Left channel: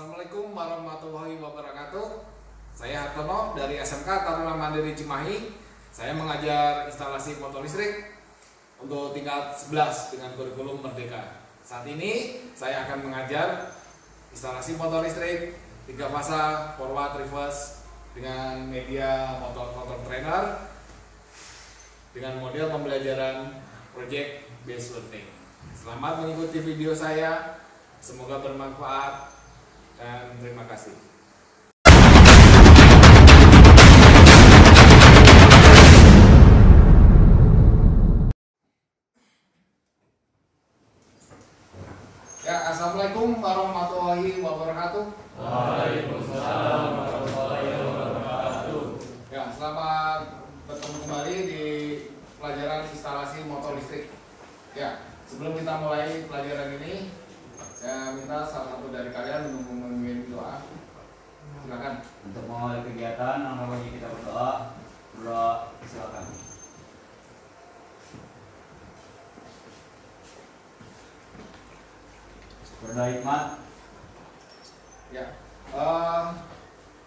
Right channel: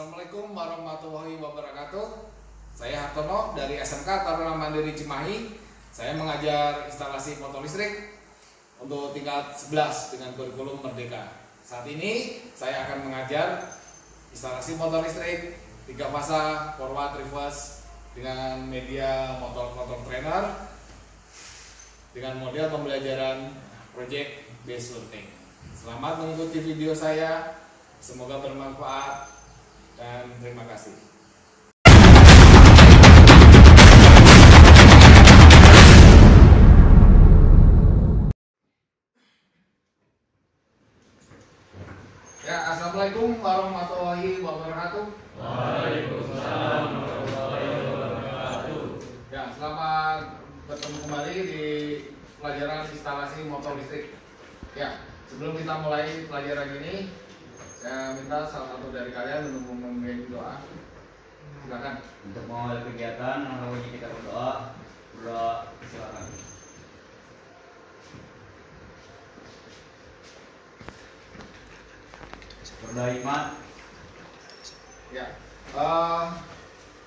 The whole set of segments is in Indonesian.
Assalamualaikum warahmatullahi wabarakatuh. Saya Hartono dari SMK Taruna Mandiri Cimahi. Saya mengajar instalasi motor listrik untuk tingkat 11 dengan kurikulum Merdeka. Saat ini saya akan mengajar instalasi motor listrik 3 fasa forward reverse dengan media motor trainer dengan model pembelajaran project based learning. Selamat mengikuti video saya, semoga bermanfaat dan terima kasih. Ya, assalamualaikum warahmatullahi wabarakatuh. Waalaikumsalam warahmatullahi wabarakatuh. Ya, selamat bertemu kembali di pelajaran instalasi motor listrik. Ya, sebelum kita mulai pelajaran ini, saya minta salah satu dari kalian untuk memimpin doa. Silakan. Untuk mengawali kegiatan, maka wajib kita berdoa. Berdoa, silakan. Berdoa hikmat. Ya.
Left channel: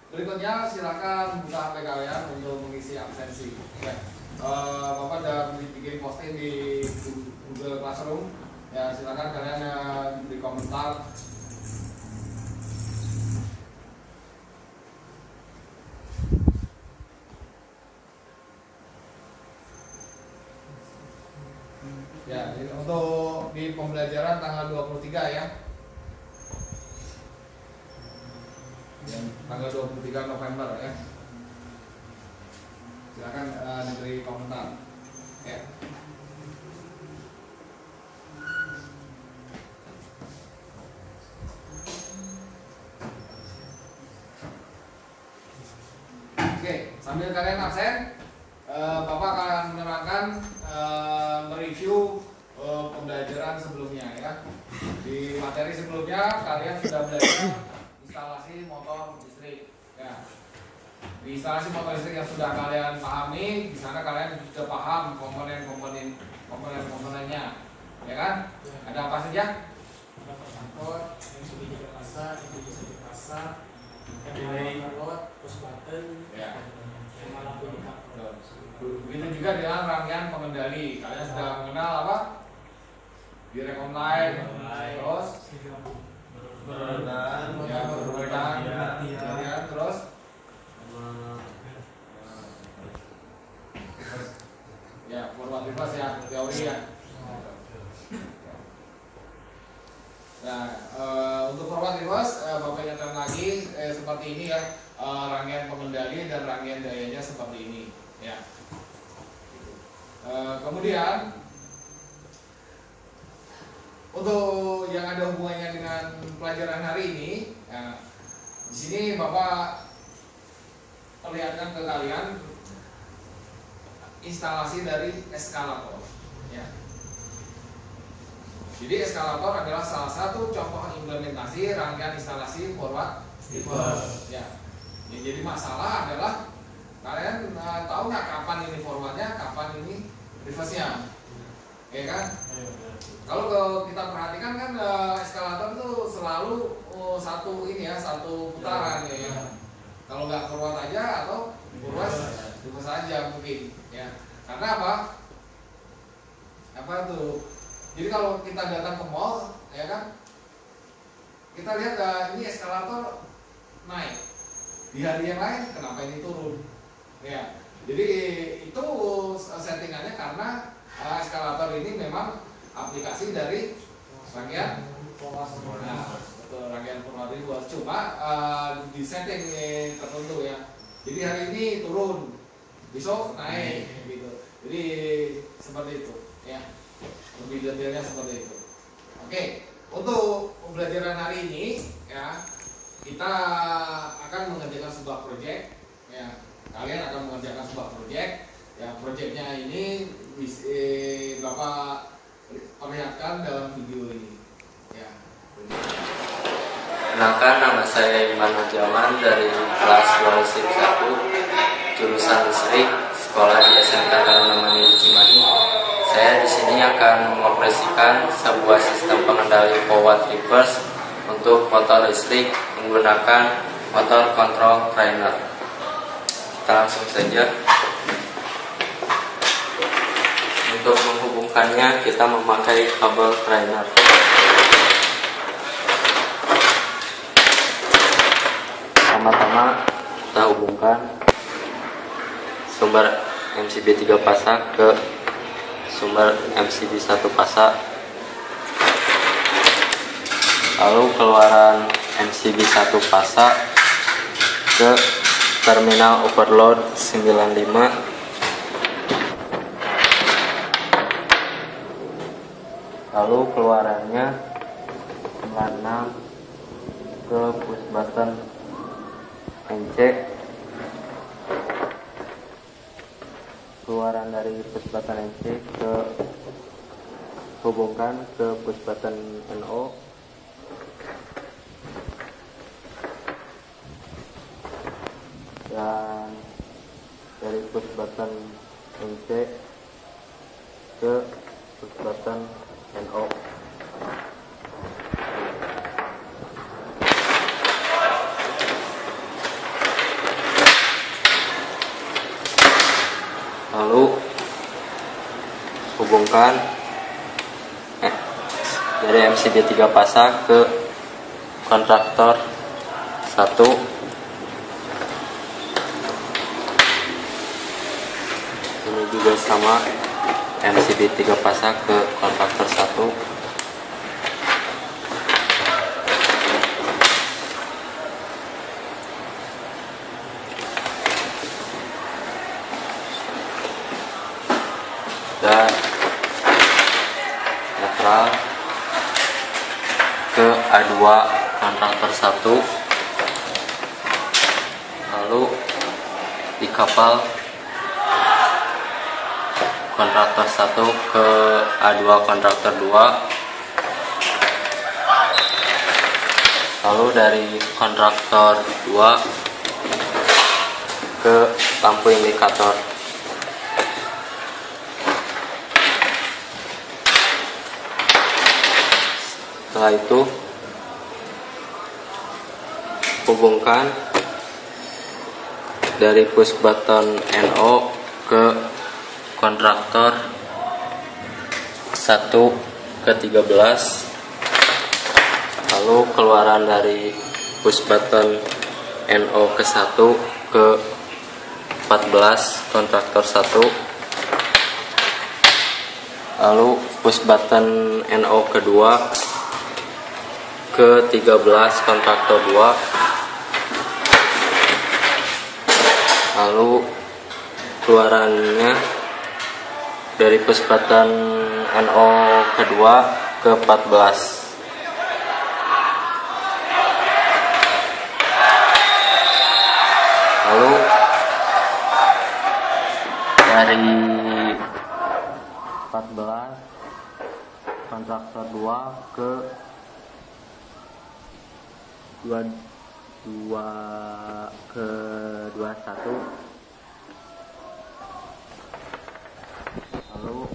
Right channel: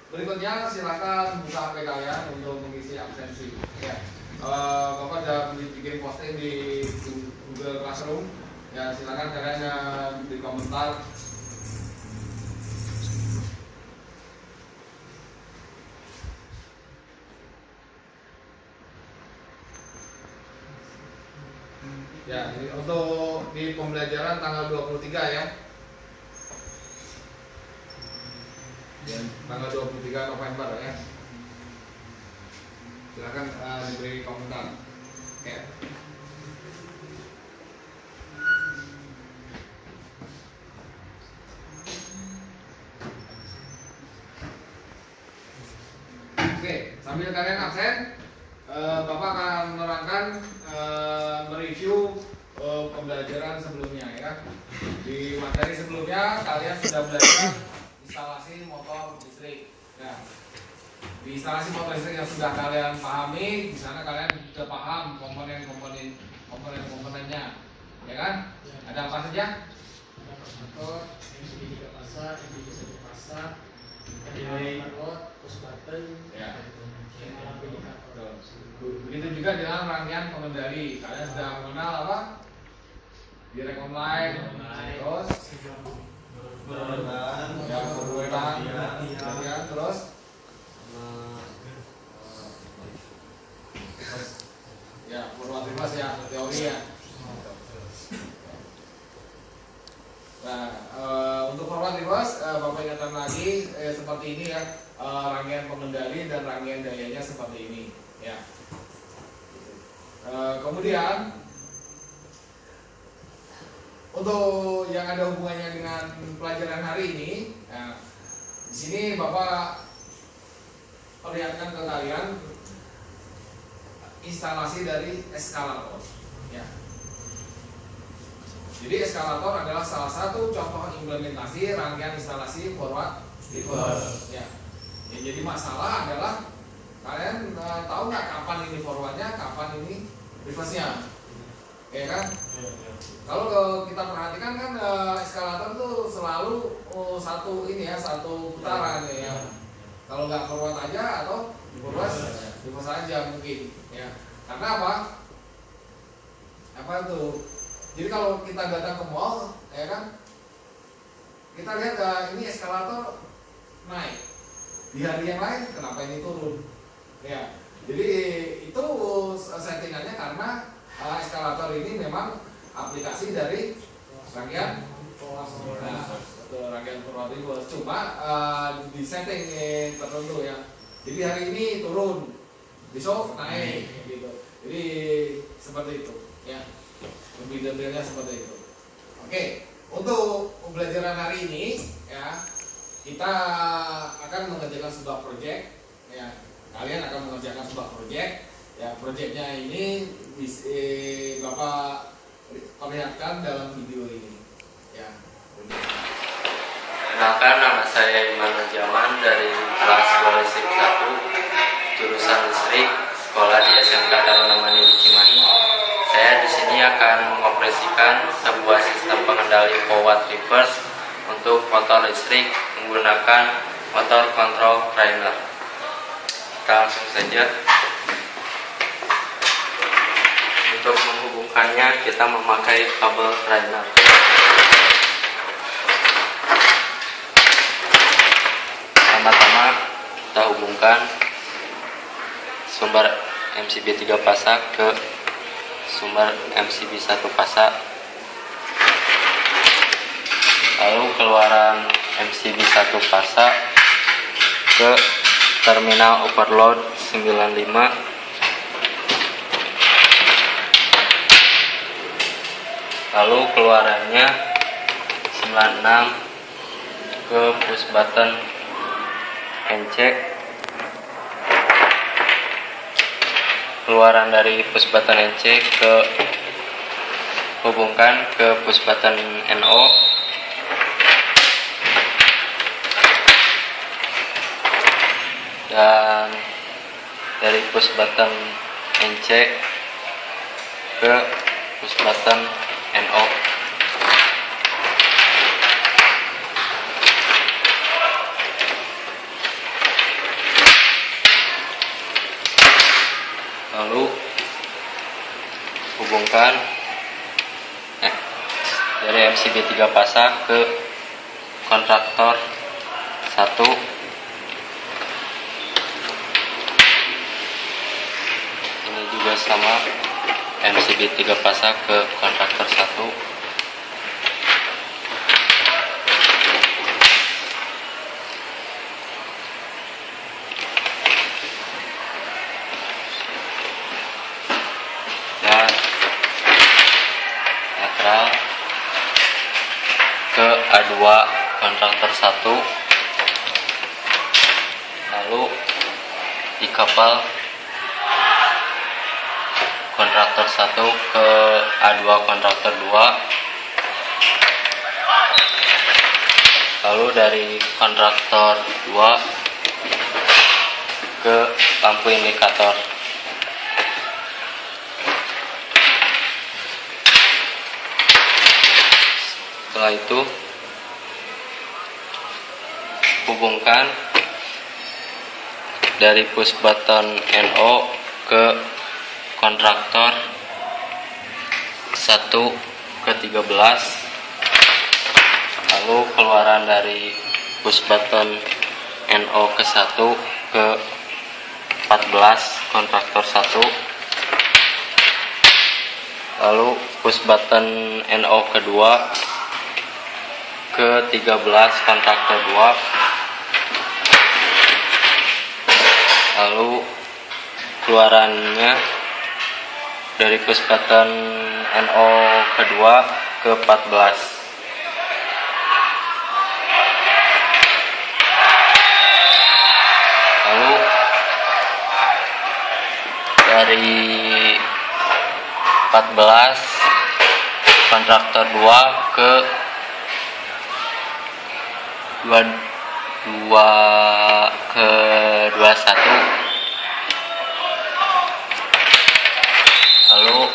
Berikutnya silakan buka HP kalian untuk mengisi absensi. Ya. Bapak sudah bikin posting di Google Classroom. Ya, silakan kalian di komentar. Ya, ini untuk di pembelajaran tanggal 23 ya. Ya, tanggal 23 November ya. Silakan diberi komentar. Ya. Oke, sambil kalian absen, Bapak akan menerangkan mereview pembelajaran sebelumnya ya. Di materi sebelumnya kalian sudah belajar instalasi motor listrik. Ya. Di instalasi motor listrik yang sudah kalian pahami, di sana kalian sudah paham komponennya, ya kan? Ada apa saja? Ada persangkut, MCB juga pasar, MCB satu pasar, load, push button, Ya. lampu indikator. Begitu juga dengan rangkaian pengendali. Kalian sudah mengenal apa? Direct online, terus berurutan, ya, terus ya forward reverse ya, teori ya. Nah, untuk forward reverse, Bapak ingatkan lagi seperti ini ya, rangkaian pengendali dan rangkaian dayanya seperti ini ya. Kemudian untuk yang ada hubungannya dengan pelajaran hari ini, ya, di sini Bapak perlihatkan ke kalian instalasi dari eskalator ya. Jadi eskalator adalah salah satu contoh implementasi rangkaian instalasi forward reverse ya. Ya, jadi masalah adalah kalian tahu nggak kapan ini forwardnya, kapan ini reverse-nya, ya kan? Kalau kita perhatikan kan eskalator itu selalu satu ini ya, satu putaran ya. Kalau nggak forward aja atau reverse aja mungkin ya. Karena apa? Apa tuh? Jadi kalau kita datang ke mall, ya kan, kita lihat ini eskalator naik. Di hari yang lain, kenapa ini turun? Ya, jadi itu settingannya karena eskalator ini memang aplikasi dari rangkaian, rangkaian forward reverse. Cuma di setting tertentu ya. Jadi hari ini turun, besok naik, gitu. Jadi seperti itu, ya. Lebih detailnya seperti itu. Oke, untuk pembelajaran hari ini ya, kita akan mengerjakan sebuah proyek ya. Kalian akan mengerjakan sebuah proyek ya. Proyeknya ini Bapak perlihatkan dalam video ini ya. Kenalkan, nama saya Imam Jaman dari kelas 2 listrik 1 jurusan listrik sekolah di SMK Taruna Mandiri Cimahi. Saya di sini akan mengoperasikan sebuah sistem pengendali forward reverse Untuk motor listrik menggunakan motor kontrol primer. Kita langsung saja. Untuk menghubungkannya kita memakai kabel primer. Pertama-tama kita hubungkan sumber MCB 3 fasa ke sumber MCB 1 fasa. Lalu keluaran MCB 1 fasa ke terminal overload 95. Lalu keluarannya 96 ke push button NC. Keluaran dari push button NC ke hubungkan ke push button NO. Dan dari push button NC ke push button NO. Lalu hubungkan dari MCB 3 fasa ke kontraktor 1. Ini juga sama, MCB 3 fasa ke kontraktor 1. Dan netral ke A2 kontraktor 1. Lalu di kapal kontraktor 1 ke A2 kontraktor 2. Lalu dari kontraktor 2 ke lampu indikator. Setelah itu hubungkan dari push button NO ke kontraktor 1 ke 13. Lalu keluaran dari push button NO ke 1 ke 14 kontraktor 1. Lalu push button NO kedua ke 13 kontraktor 2. Lalu keluarannya dari push button NO kedua ke 14. Lalu dari 14 kontraktor 2 ke 21. Lalu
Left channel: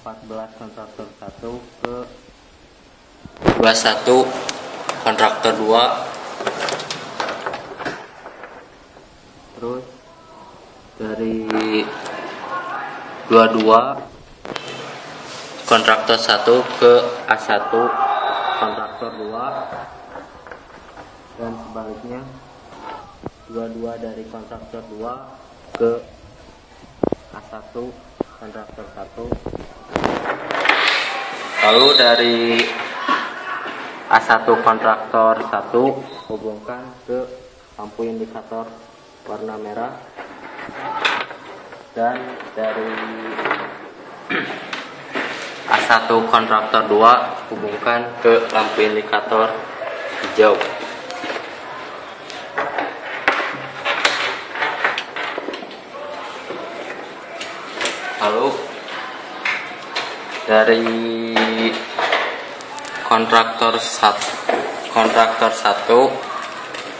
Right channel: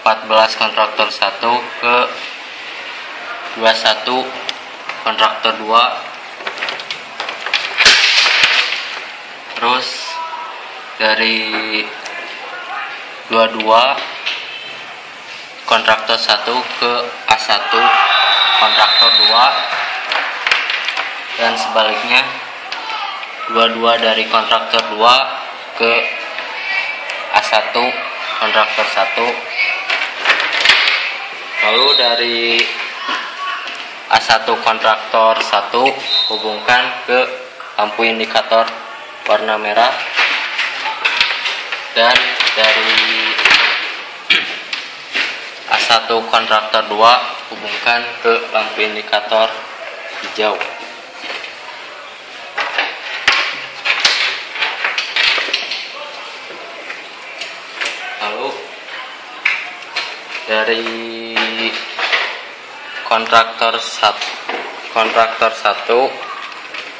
14 kontraktor 1 ke 21 kontraktor 2. Terus dari 22 kontraktor 1 ke A1 kontraktor 2, dan sebaliknya 22 dari kontraktor 2 ke A1 kontraktor 1. Lalu dari A1 kontraktor 1 hubungkan ke lampu indikator warna merah, dan dari A1 kontraktor 2 hubungkan ke lampu indikator hijau. Lalu dari kontraktor 1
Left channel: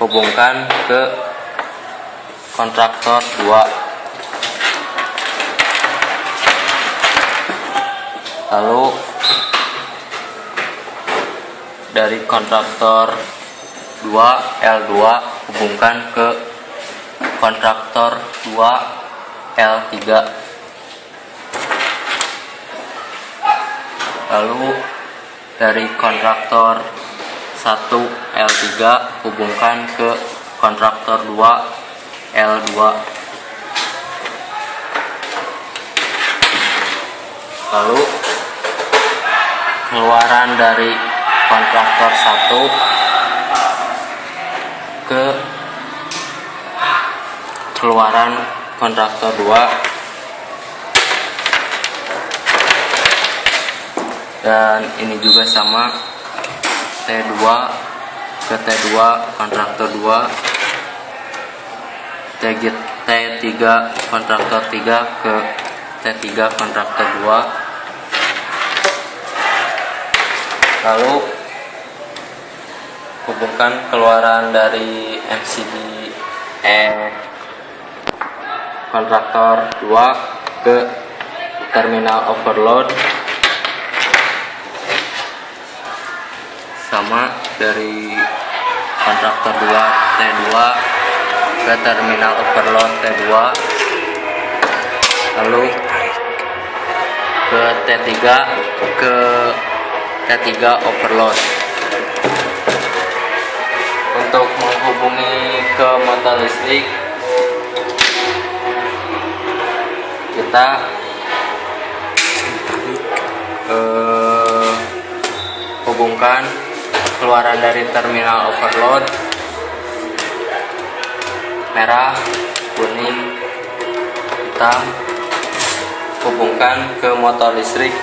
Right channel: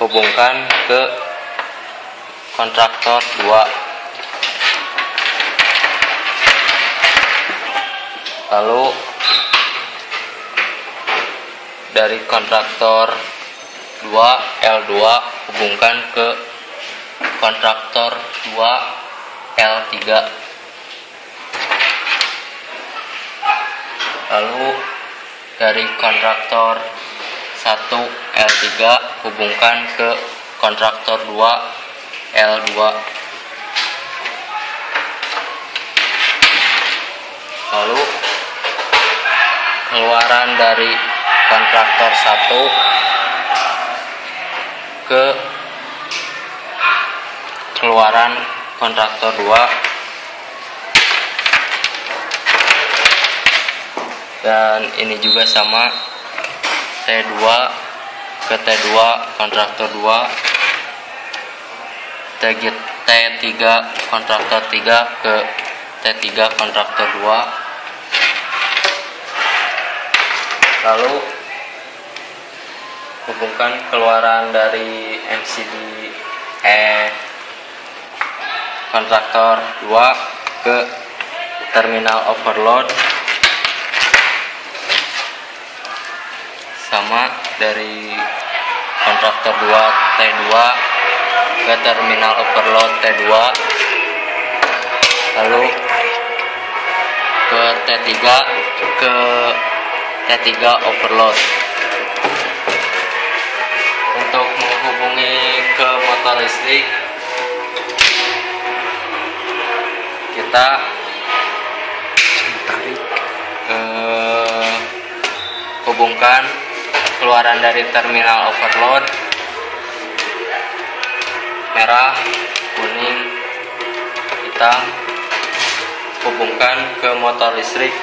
hubungkan ke kontraktor 2. Lalu dari kontraktor 2 L2 hubungkan ke kontraktor 2 L3. Lalu dari kontraktor 1 L3 hubungkan ke kontraktor 2 L2. Lalu keluaran dari kontraktor 1 ke keluaran kontraktor 2, dan ini juga sama, T2 ke T2 kontraktor 2, T3 kontraktor 3 ke T3 kontraktor 2. Lalu hubungkan keluaran dari MCB kontraktor 2 ke terminal overload, sama dari kontraktor 2 T2 ke terminal overload T2, lalu ke T3 ke T3 overload. Untuk menghubungi ke motor listrik, kita hubungkan keluaran dari terminal overload merah, kuning, hitam, hubungkan ke motor listrik.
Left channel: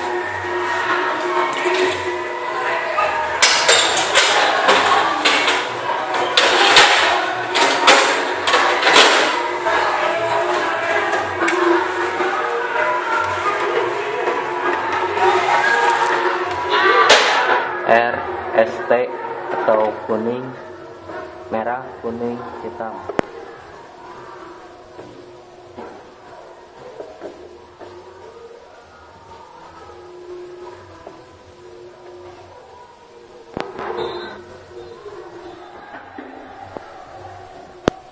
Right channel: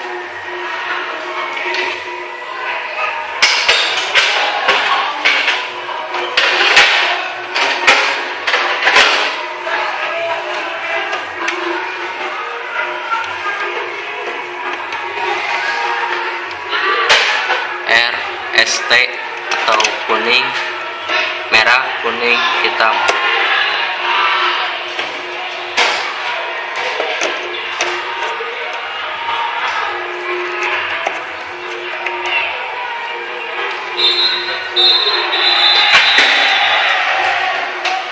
ST atau kuning, merah, kuning, hitam.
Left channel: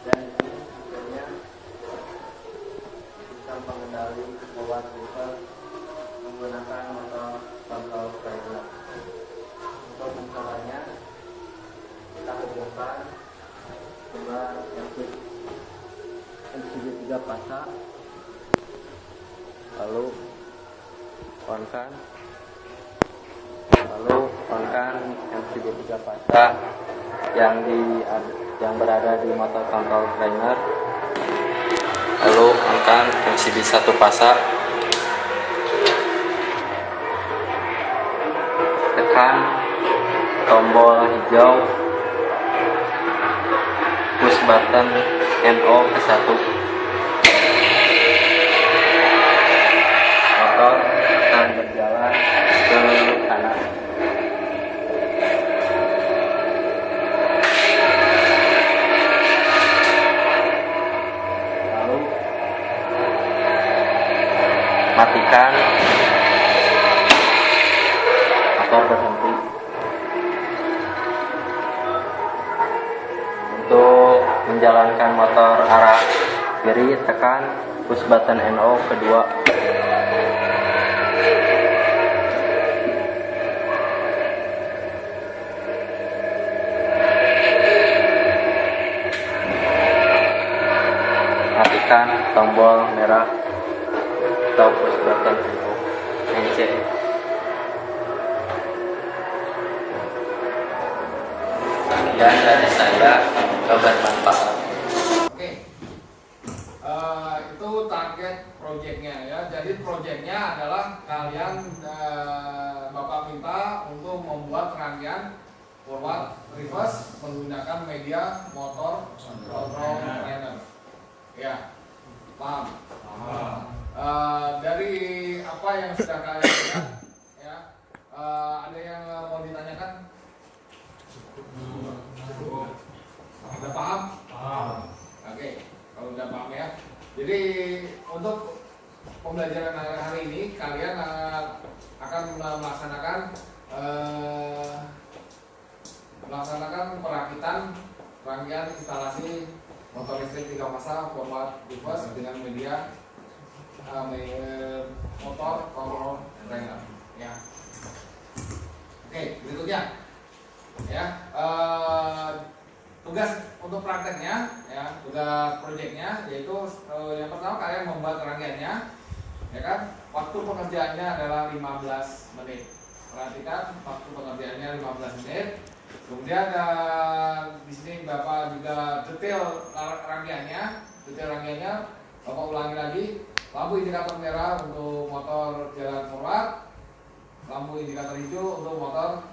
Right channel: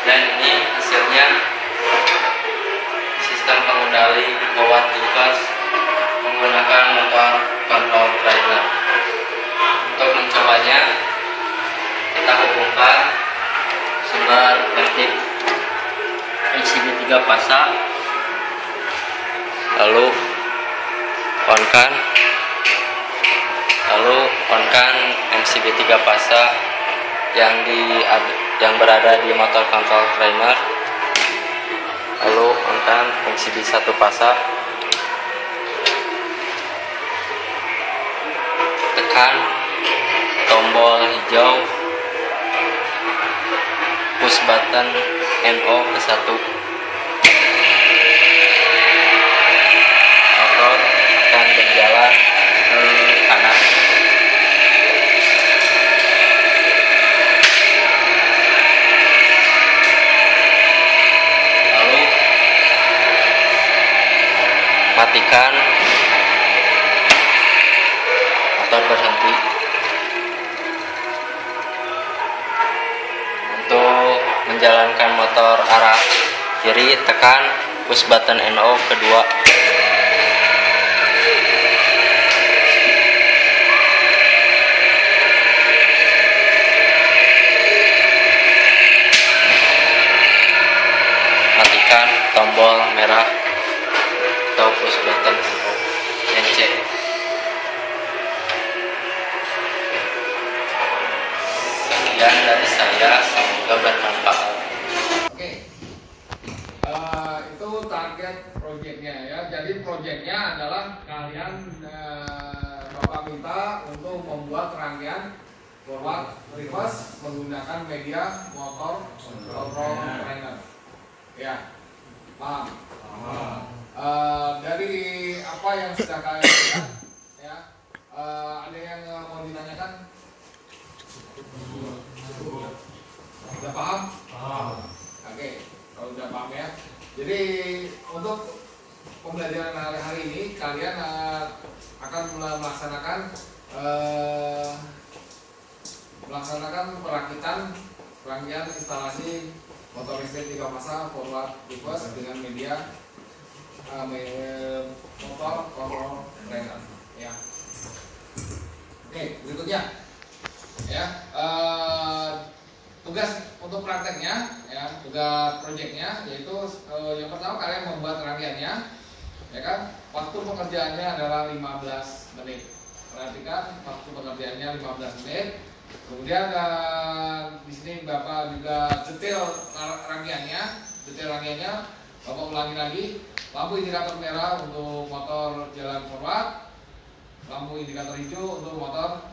Dan ini hasilnya sistem pengendali power device menggunakan motor control trailer. Untuk mencobanya, kita hubungkan sumber listrik MCB 3 fasa, lalu on-kan MCB 3 fasa yang berada di motor control trainer, lalu on-kan MCB 1 fasa, tekan tombol hijau push button NO ke 1. Motor akan berjalan ke kanan. Lalu matikan, motor berhenti. Untuk menjalankan motor arah kiri, tekan push button NO kedua. Matikan tombol merah atau push button NO NC. Sekian dari saya, semoga bermanfaat. Oke, itu target proyeknya ya. Jadi proyeknya adalah kalian Bapak minta untuk membuat rangkaian forward reverse menggunakan media motor control trainer. Ya, paham? Dari apa yang sudah kalian lihat, ya, ada yang mau ditanyakan? Udah paham? Oke, kalau udah paham ya. Jadi untuk pembelajaran hari ini kalian akan melaksanakan melaksanakan perakitan rangkaian instalasi motor listrik 3 fasa forward reverse dengan media motor control trainer ya. Oke, berikutnya ya, tugas untuk prakteknya ya, tugas proyeknya yaitu yang pertama kalian membuat rangkaiannya ya kan. Waktu pengerjaannya adalah 15 menit. Perhatikan waktu pengerjaannya 15 menit. Kemudian di sini Bapak juga detail rangkaiannya Bapak ulangi lagi. Lampu indikator merah untuk motor jalan forward, lampu indikator hijau untuk motor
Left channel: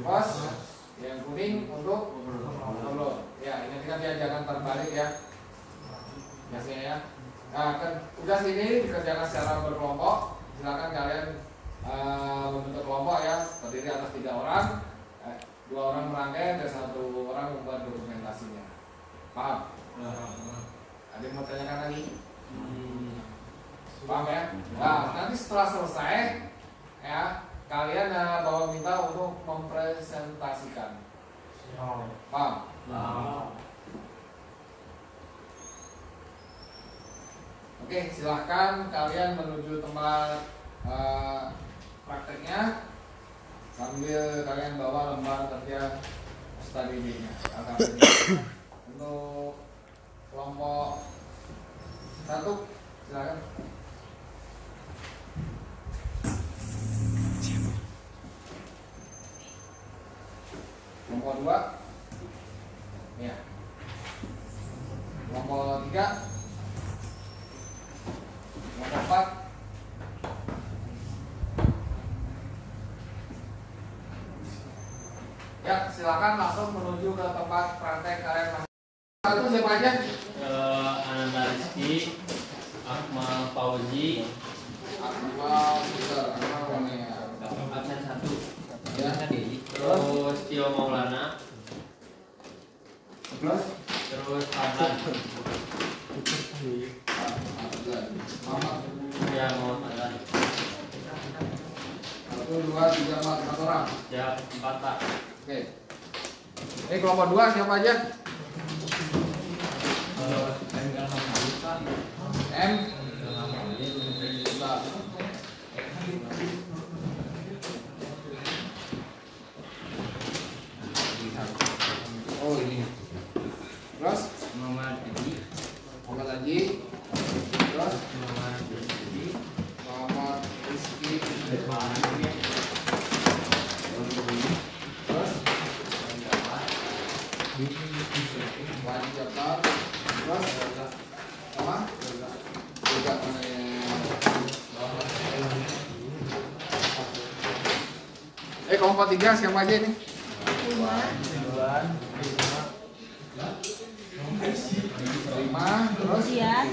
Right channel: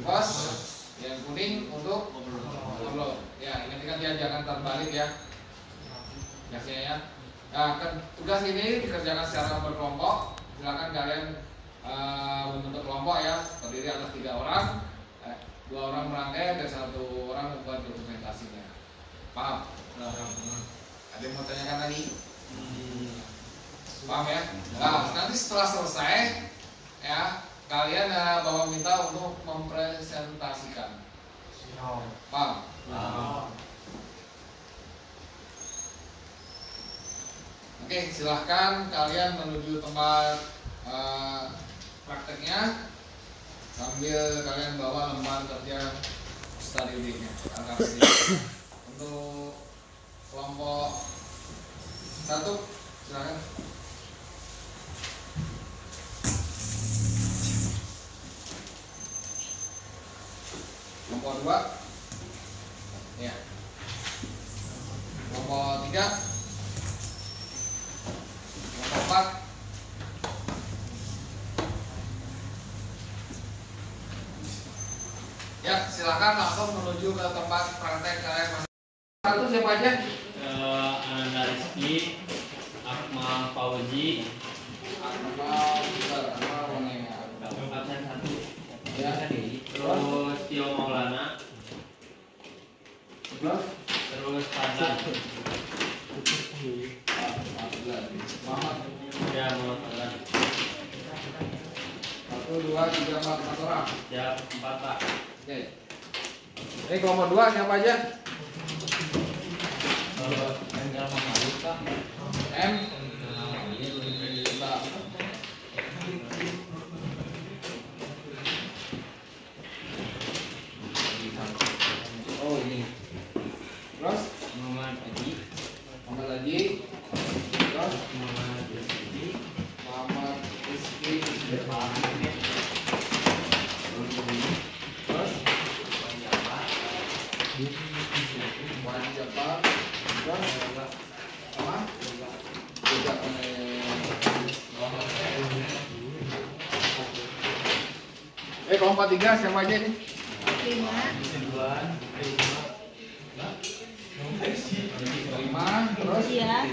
reverse, yang kuning untuk overload. Ya, ingatkan ya, jangan terbalik ya. Biasanya ya. Nah, tugas ini dikerjakan secara berkelompok. Silakan kalian membentuk kelompok ya, terdiri atas 3 orang. 2 orang merangkai dan 1 orang membuat dokumentasinya. Paham? Ada yang mau tanyakan lagi? Paham ya? Nah, nanti setelah selesai ya, kalian bawa minta untuk mempresentasikan. Paham? Oke, silahkan kalian menuju tempat prakteknya sambil kalian bawa lembar kerja study day-nya. Untuk kelompok 1 silakan. Kelompok 2 ya. Kelompok 3, kelompok 4, ya silakan langsung menuju ke tempat praktek kalian. Itu siapa aja? Ananda Rizky, Akmal Fauzi, Akmal Warnia, absen 1 ya. Terus Tio Maulana, terus Fadlan. Ya, mau Fadlan. 1, 2, 3, 4 orang. Ya, 4 Pak. Oke. Ini kelompok 2 siapa aja? M. Oh ini. Terus Muhammad Haji. Terus Muhammad Rizky. Terus Wali Jafar. Terus apa? Tidak kelompok 3 siapa aja ini? 5 terus Ian,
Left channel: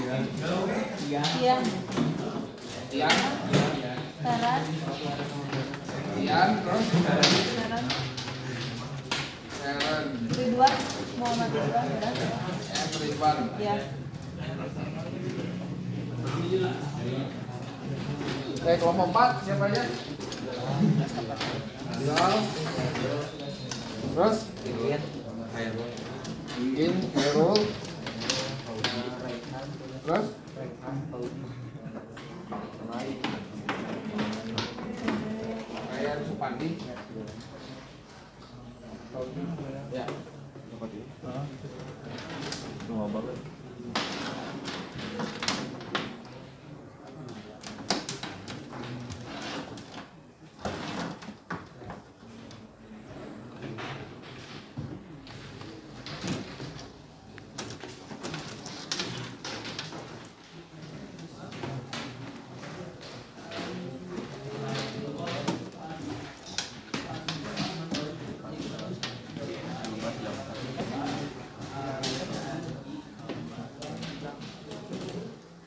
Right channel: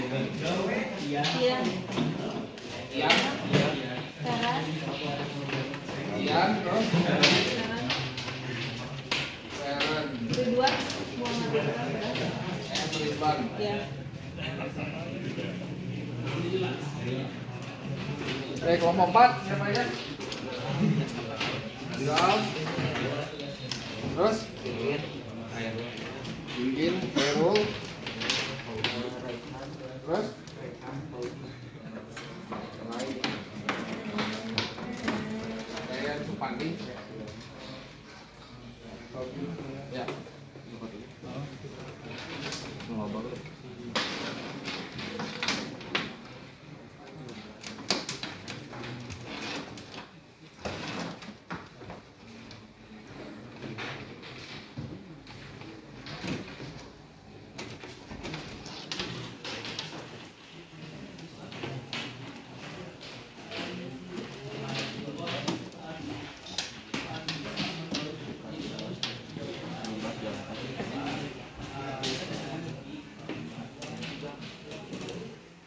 Ferhat, Ian terus Ridwan, Muhammad Ridwan, Ridwan. ya. Kelompok 4 siapa aja? Bilal. Terus Ingin, Herul. Terus Ryan Supandi. Ya.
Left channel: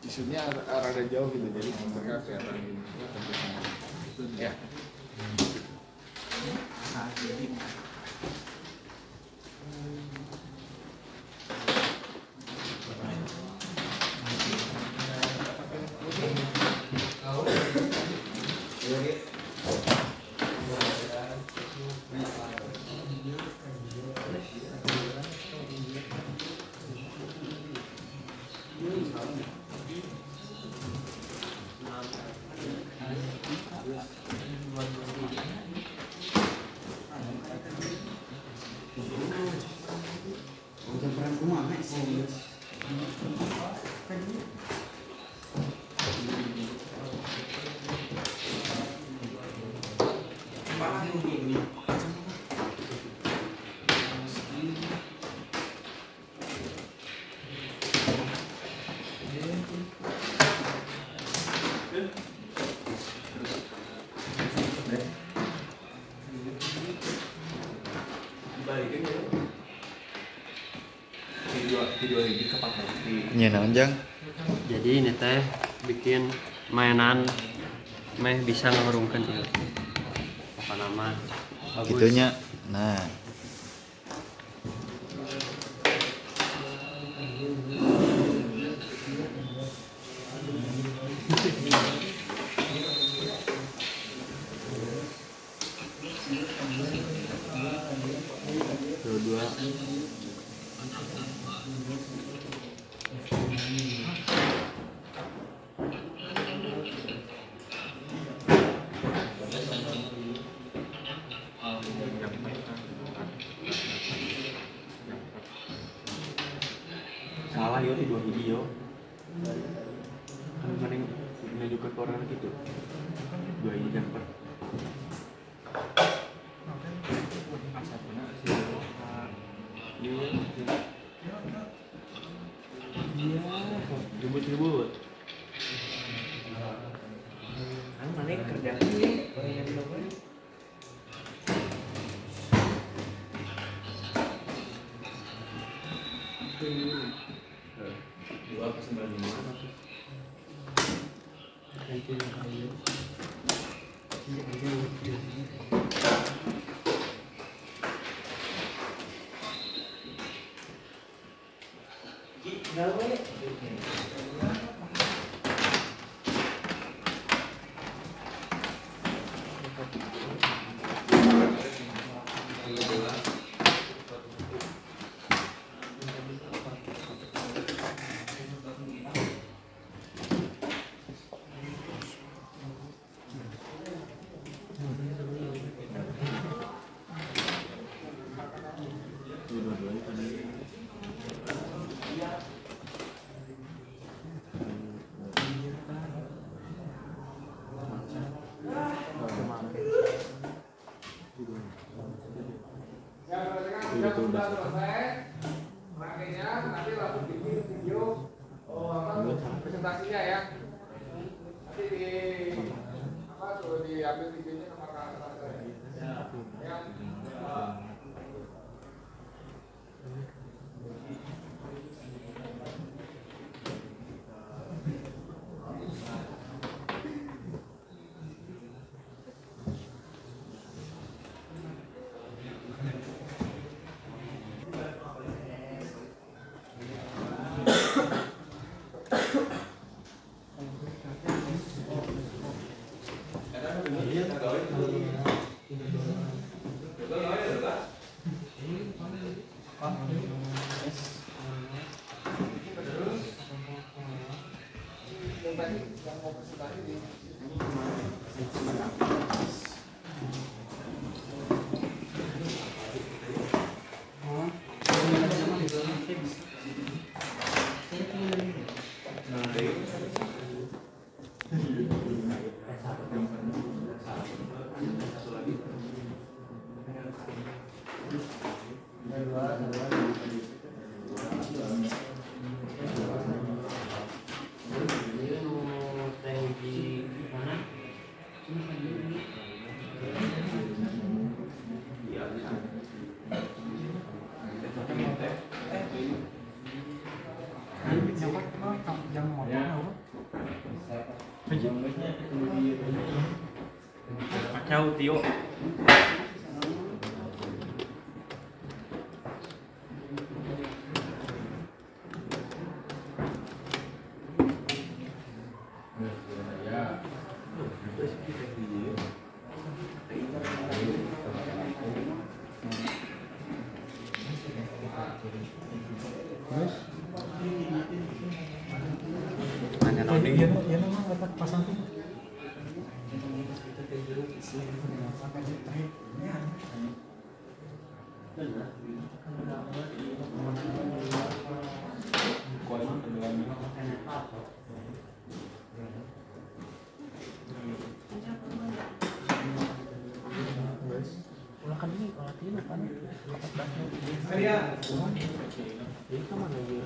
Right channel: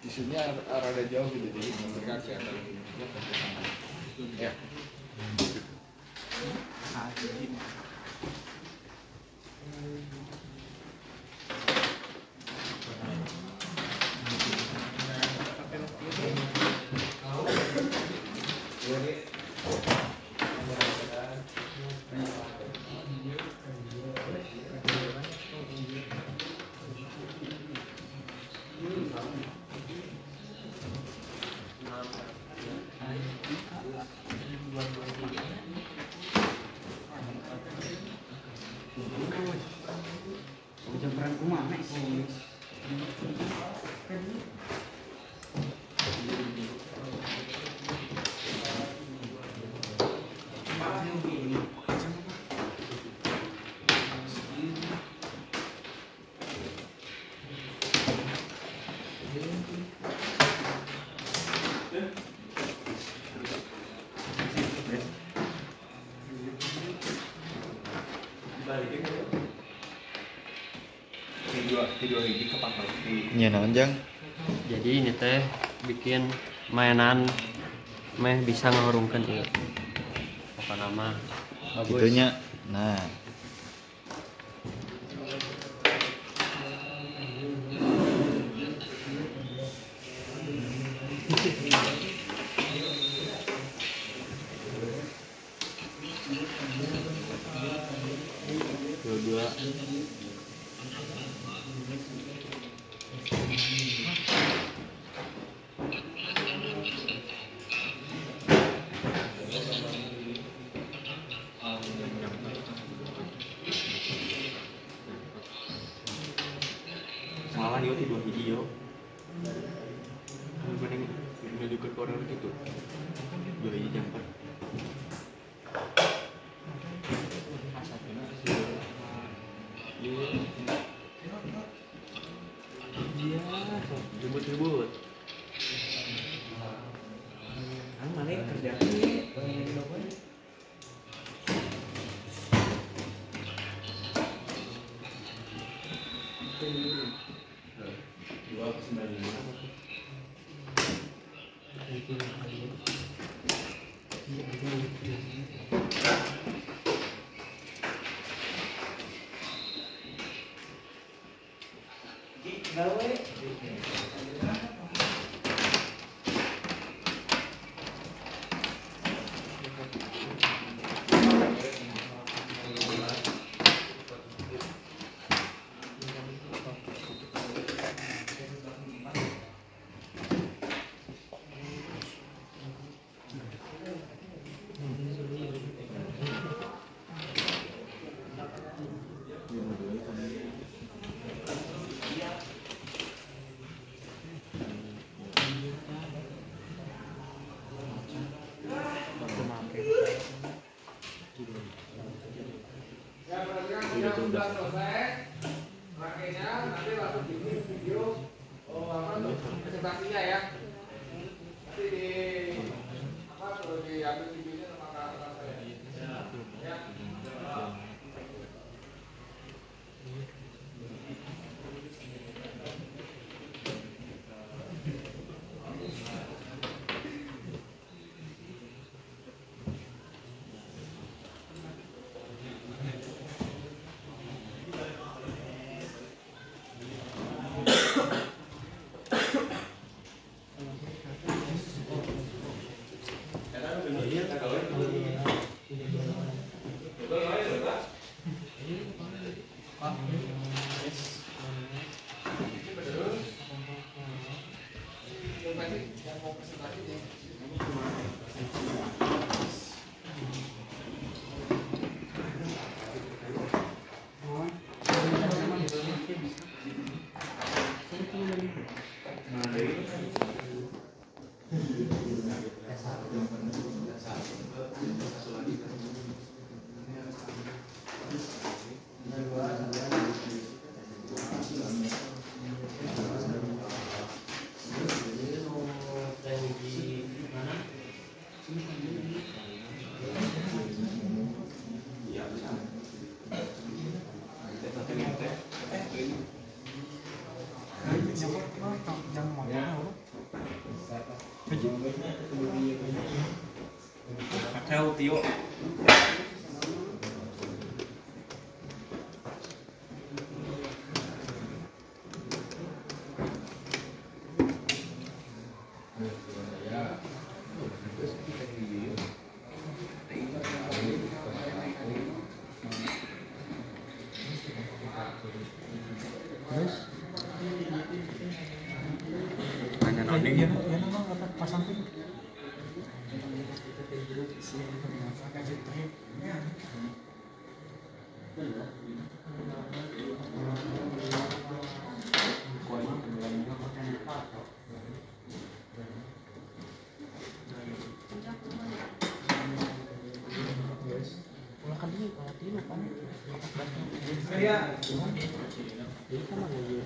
Isunya rada jauh gitu, jadi mereka kelihatan ya. video ini kapan pasti. Nya naon Jang? Jadi ini teh bikin mainan meh bisa ngurungkeun teh. Apa nama? Gitunya. Nah, dua Salah yo di 2 hiji yo. Kan mending menunjukkan ke orang gitu. 2 hiji jumper. Iya, ribut-ribut. Kan mana yang kerja presentasinya ya. Nanti di apa perlu diambil videonya sama kakak saya. Ya. Kacau Tio. Ya nama kata pasang tuh. Ulah kan ini ulah tinu kan 14 ya. Ini kan mana ya?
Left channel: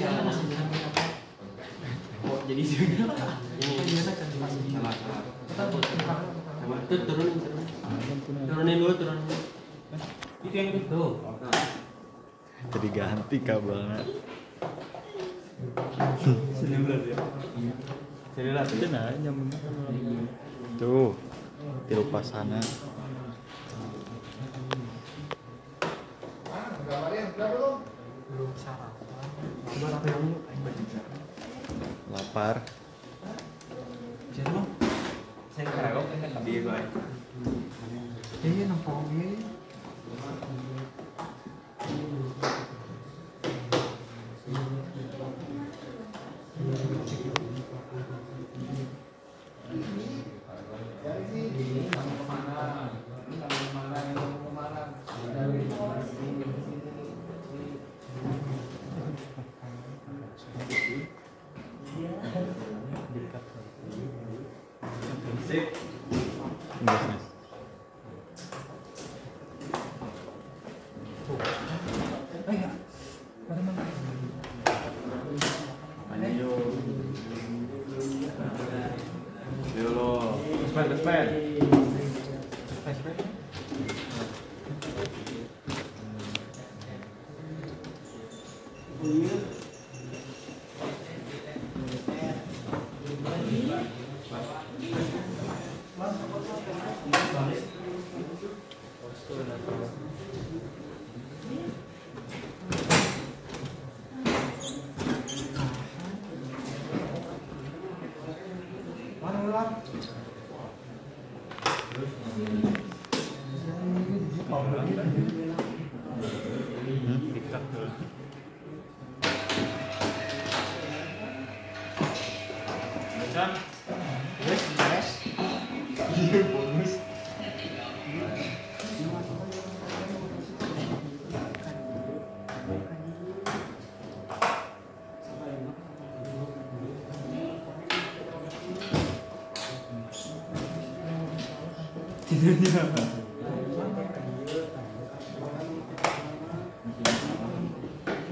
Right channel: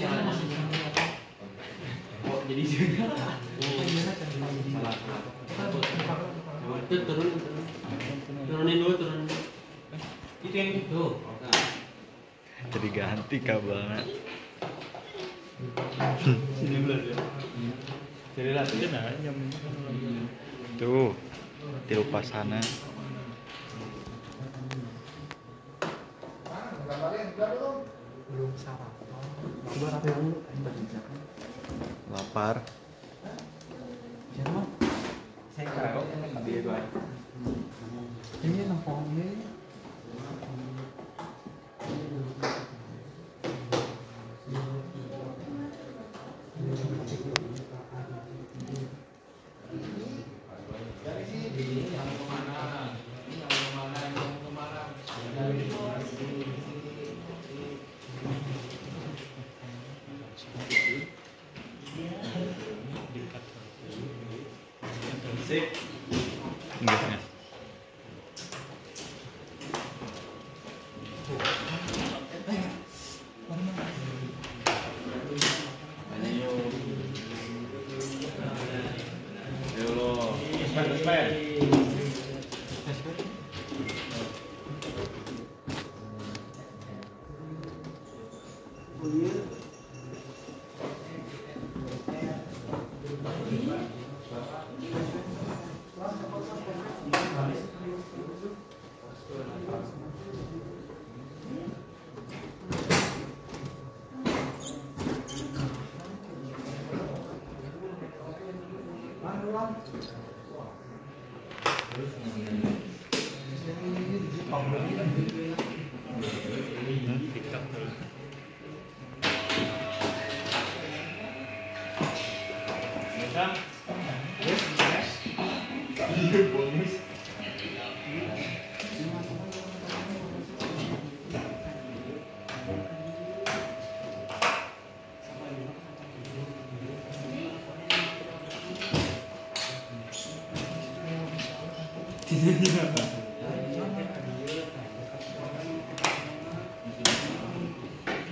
caranya. Oh, jadi sebenarnya Ini salah. turunin dulu, turunin. Itu yang itu. Tuh. Jadi ganti kabelnya. Tuh, tiru pasana. Belum sarapan. Sarapan dulu. Lapar. Jerman. Saya karaoke kan dia gue. Ini nampang ini. Enggak sih.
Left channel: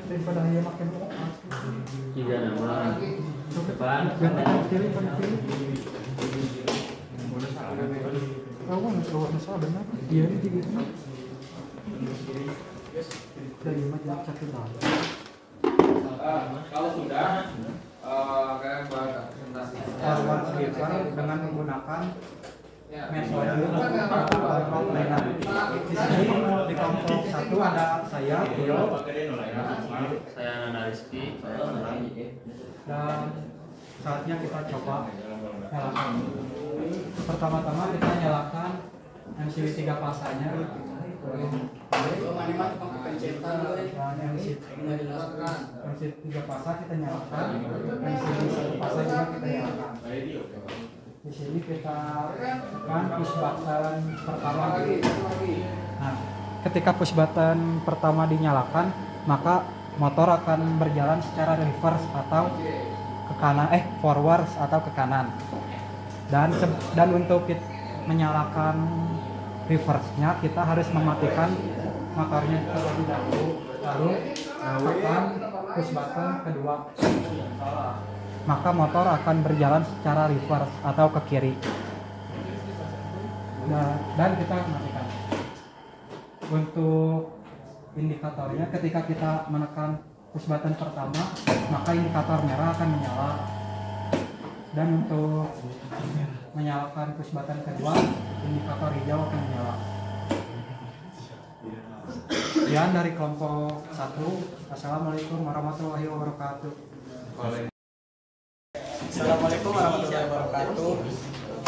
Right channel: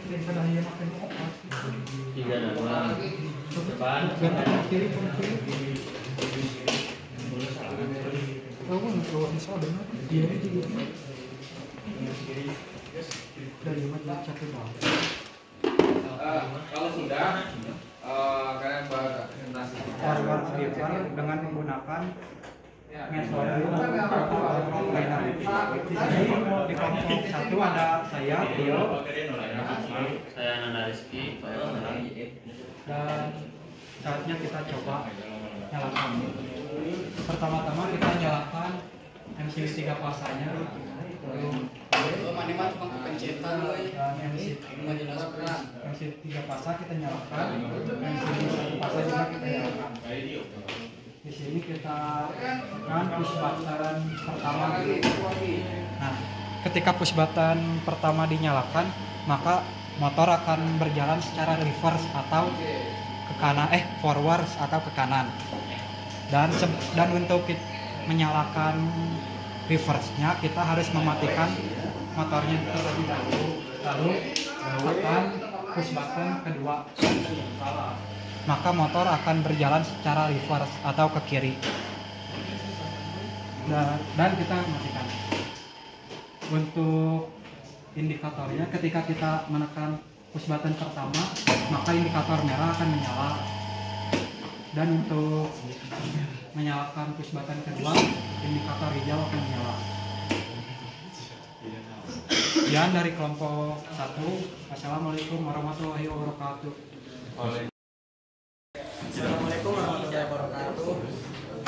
Daripada dia makan opat. Tiga nama. Depan. Ganti ke kiri, kanan kiri. Kawan, kawan salah benar. Dia ini di gitu. Dari majalah satu tahun. Kalau sudah kalian presentasi. Forward sweeper dengan menggunakan metode kontrol trainer. Di sini di kelompok satu ada saya, Tio, Saya Nanda Rizky. Saya Tangerang. dan saatnya kita coba nyalakan. Pertama-tama kita nyalakan MCB 3 pasanya dan MCB 3 pasa kita nyalakan, MCB 1 pasa juga kita nyalakan. Di sini kita kan push button pertama. Nah, ketika push button pertama dinyalakan, maka motor akan berjalan secara reverse atau ke kanan, forward atau ke kanan. Dan untuk menyalakan reverse-nya kita harus mematikan motornya terlebih dahulu, lalu tekan push button kedua. Maka motor akan berjalan secara reverse atau ke kiri. Dan kita matikan. Untuk indikatornya, ketika kita menekan push button pertama, maka indikator merah akan menyala. Dan untuk menyalakan push button kedua, indikator hijau akan menyala. Sekian dari kelompok 1. Wassalamualaikum warahmatullahi wabarakatuh. Assalamualaikum warahmatullahi wabarakatuh.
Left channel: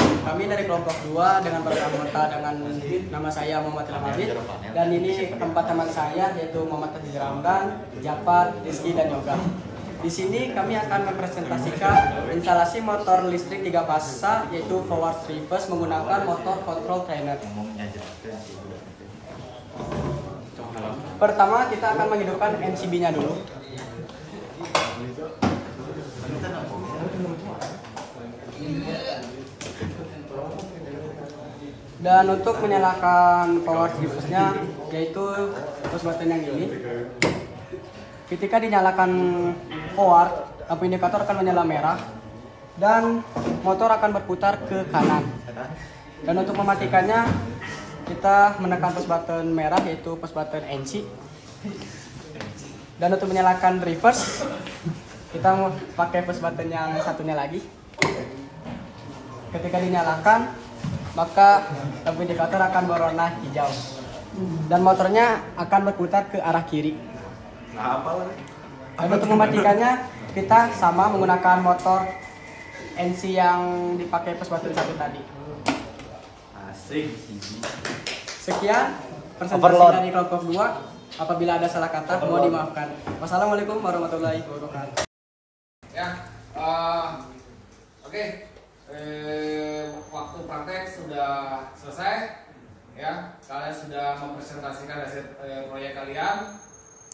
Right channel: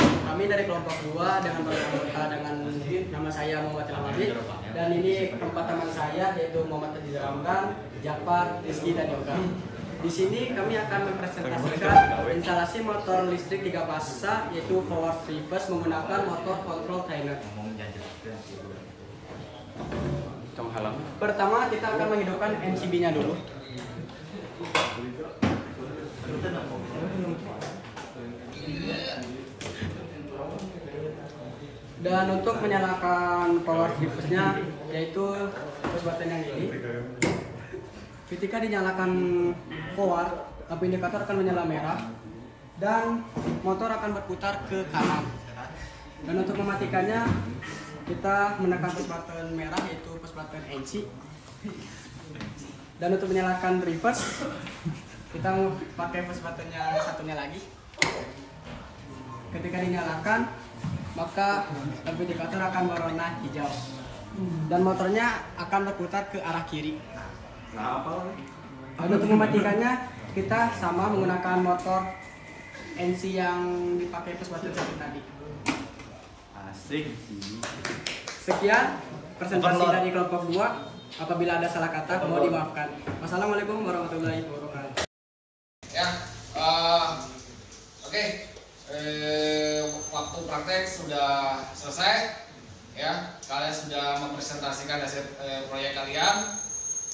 Kami dari kelompok 2 dengan para anggota dengan nama saya Muhammad Ilham Habib, dan ini keempat teman saya yaitu Muhammad Hadi Ramdan, Jafar, Rizky, dan Yoga. Di sini kami akan mempresentasikan instalasi motor listrik 3 pasa yaitu forward reverse menggunakan motor control trainer. Pertama kita akan menghidupkan MCB-nya dulu. Dan untuk menyalakan power reverse-nya yaitu push button yang ini. ketika dinyalakan forward, lampu indikator akan menyala merah dan motor akan berputar ke kanan. Dan untuk mematikannya kita menekan push button merah yaitu push button NC. Dan untuk menyalakan reverse kita mau pakai push button yang satunya lagi. Ketika dinyalakan maka lampu indikator akan berwarna hijau dan motornya akan berputar ke arah kiri. Dan untuk mematikannya kita sama menggunakan motor NC yang dipakai push button satu tadi. Sekian presentasi dari kelompok 2. Apabila ada salah kata mohon dimaafkan. Wassalamualaikum warahmatullahi wabarakatuh. Ya, oke. Waktu praktek sudah selesai. Ya, kalian sudah mempresentasikan hasil proyek kalian.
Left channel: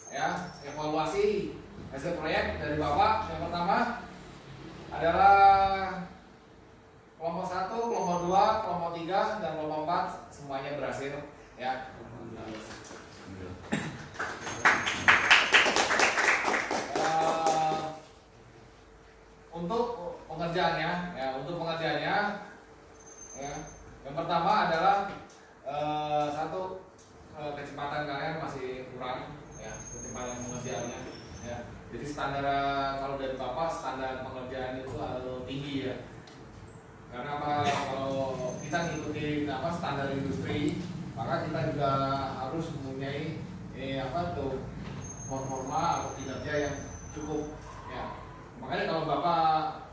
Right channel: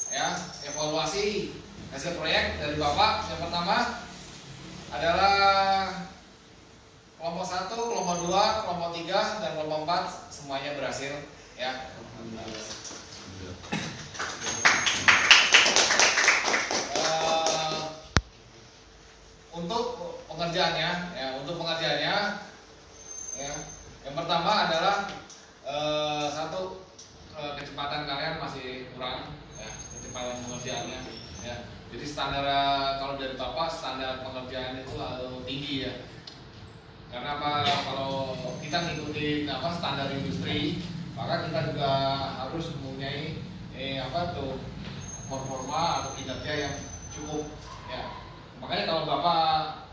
Ya, evaluasi hasil proyek dari Bapak. Yang pertama adalah kelompok 1, kelompok 2, kelompok 3, dan kelompok 4 semuanya berhasil. Ya. Untuk pengerjaannya, ya, yang pertama adalah satu, kecepatan kalian masih kurang, ya, kecepatan pengerjaannya, ya. Jadi standar kalau dari Bapak standar pengerjaan itu tinggi, ya. Karena apa? Kalau kita ngikutin standar industri, maka kita juga harus mempunyai performa atau kinerja yang cukup, ya. Makanya kalau Bapak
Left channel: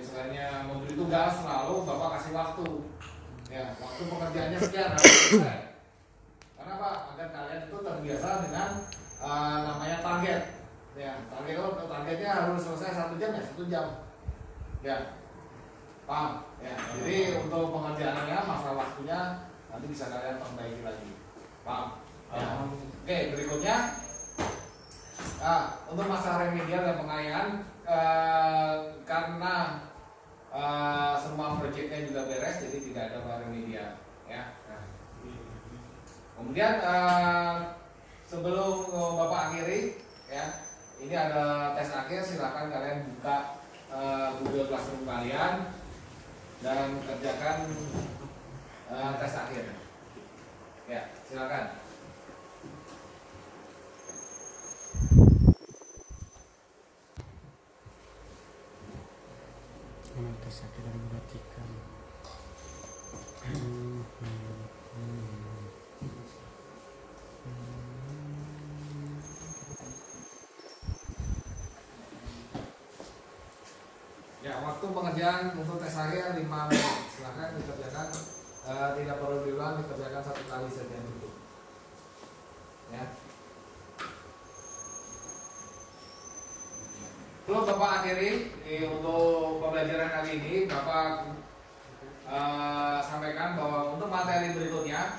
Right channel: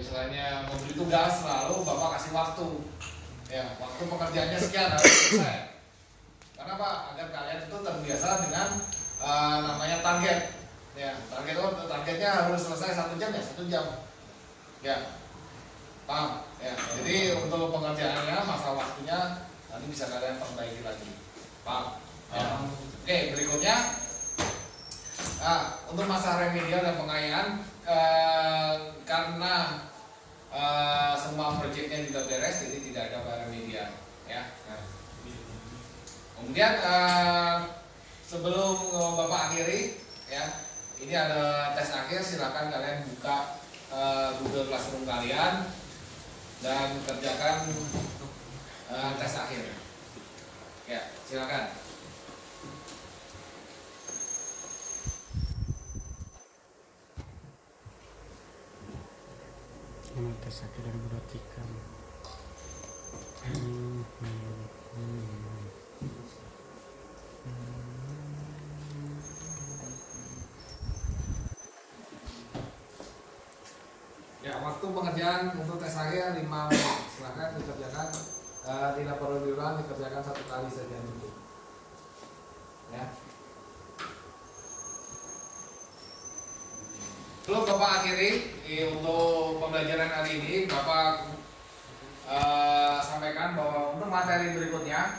istilahnya memberi tugas, lalu Bapak kasih waktu, ya, waktu pekerjaannya sekian harus selesai. Karena apa? Agar kalian itu terbiasa dengan namanya target, ya. Targetnya harus selesai 1 jam, ya 1 jam, ya, paham, ya. Jadi untuk pengerjaannya masa waktunya nanti bisa kalian perbaiki lagi, paham, ya. Oke, berikutnya. Untuk masa remedial dan pengayaan, karena semua proyeknya juga beres, jadi tidak ada remedial, ya. Kemudian sebelum Bapak akhiri, ya, ini ada tes akhir. Silakan kalian buka Google Classroom kalian dan kerjakan tes akhir. Ya, silakan. Tes akhir dan memperhatikan. Ya, waktu pengerjaan untuk tes akhir 5 menit. Silakan dikerjakan, tidak perlu diulang, dikerjakan 1 kali saja cukup. Ya. Sebelum Bapak akhiri untuk pembelajaran hari ini, Bapak sampaikan bahwa untuk materi berikutnya,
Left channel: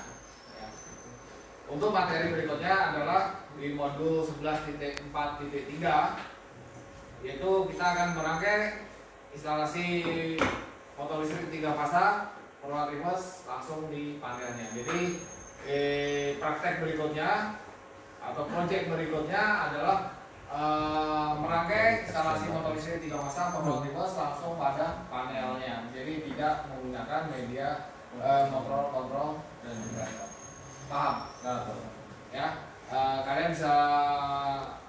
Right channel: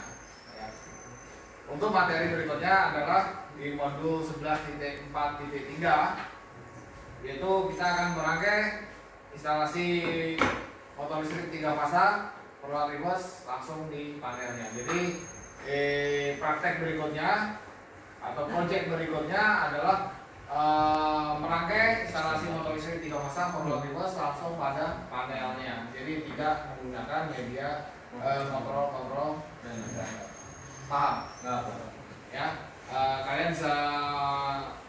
ya, untuk materi berikutnya adalah di modul 11.4.3, yaitu kita akan merangkai instalasi motor listrik 3 fasa forward reverse langsung di panelnya. Jadi praktek berikutnya atau proyek berikutnya adalah merangkai instalasi motor listrik 3 fasa forward reverse langsung pada panelnya. Jadi tidak menggunakan media kontrol dan inverter. Paham? Ya, kalian bisa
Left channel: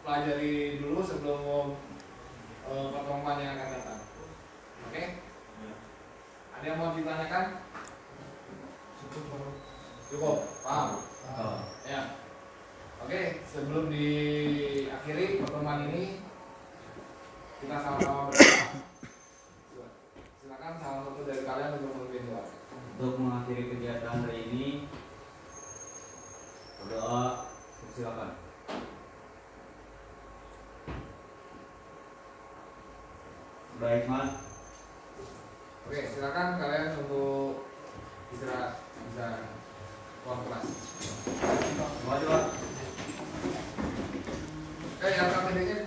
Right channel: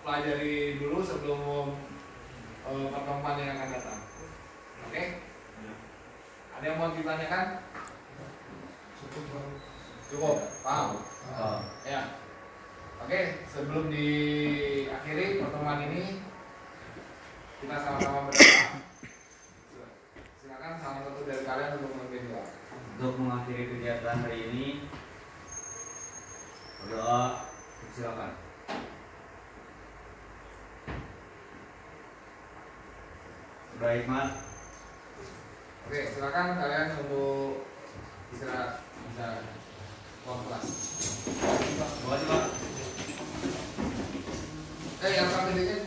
pelajari dulu sebelum pertemuan yang akan datang. Oke? Ada yang mau ditanyakan? Cukup, paham? Ya. Oke, sebelum diakhiri pertemuan ini, kita sama-sama berdoa. Silakan salah satu dari kalian untuk memimpin doa. Untuk mengakhiri kegiatan hari ini, berdoa. Silakan. Baik, Mat. Oke, silakan kalian untuk bisa keluar kelas. Coba. Yang satu ini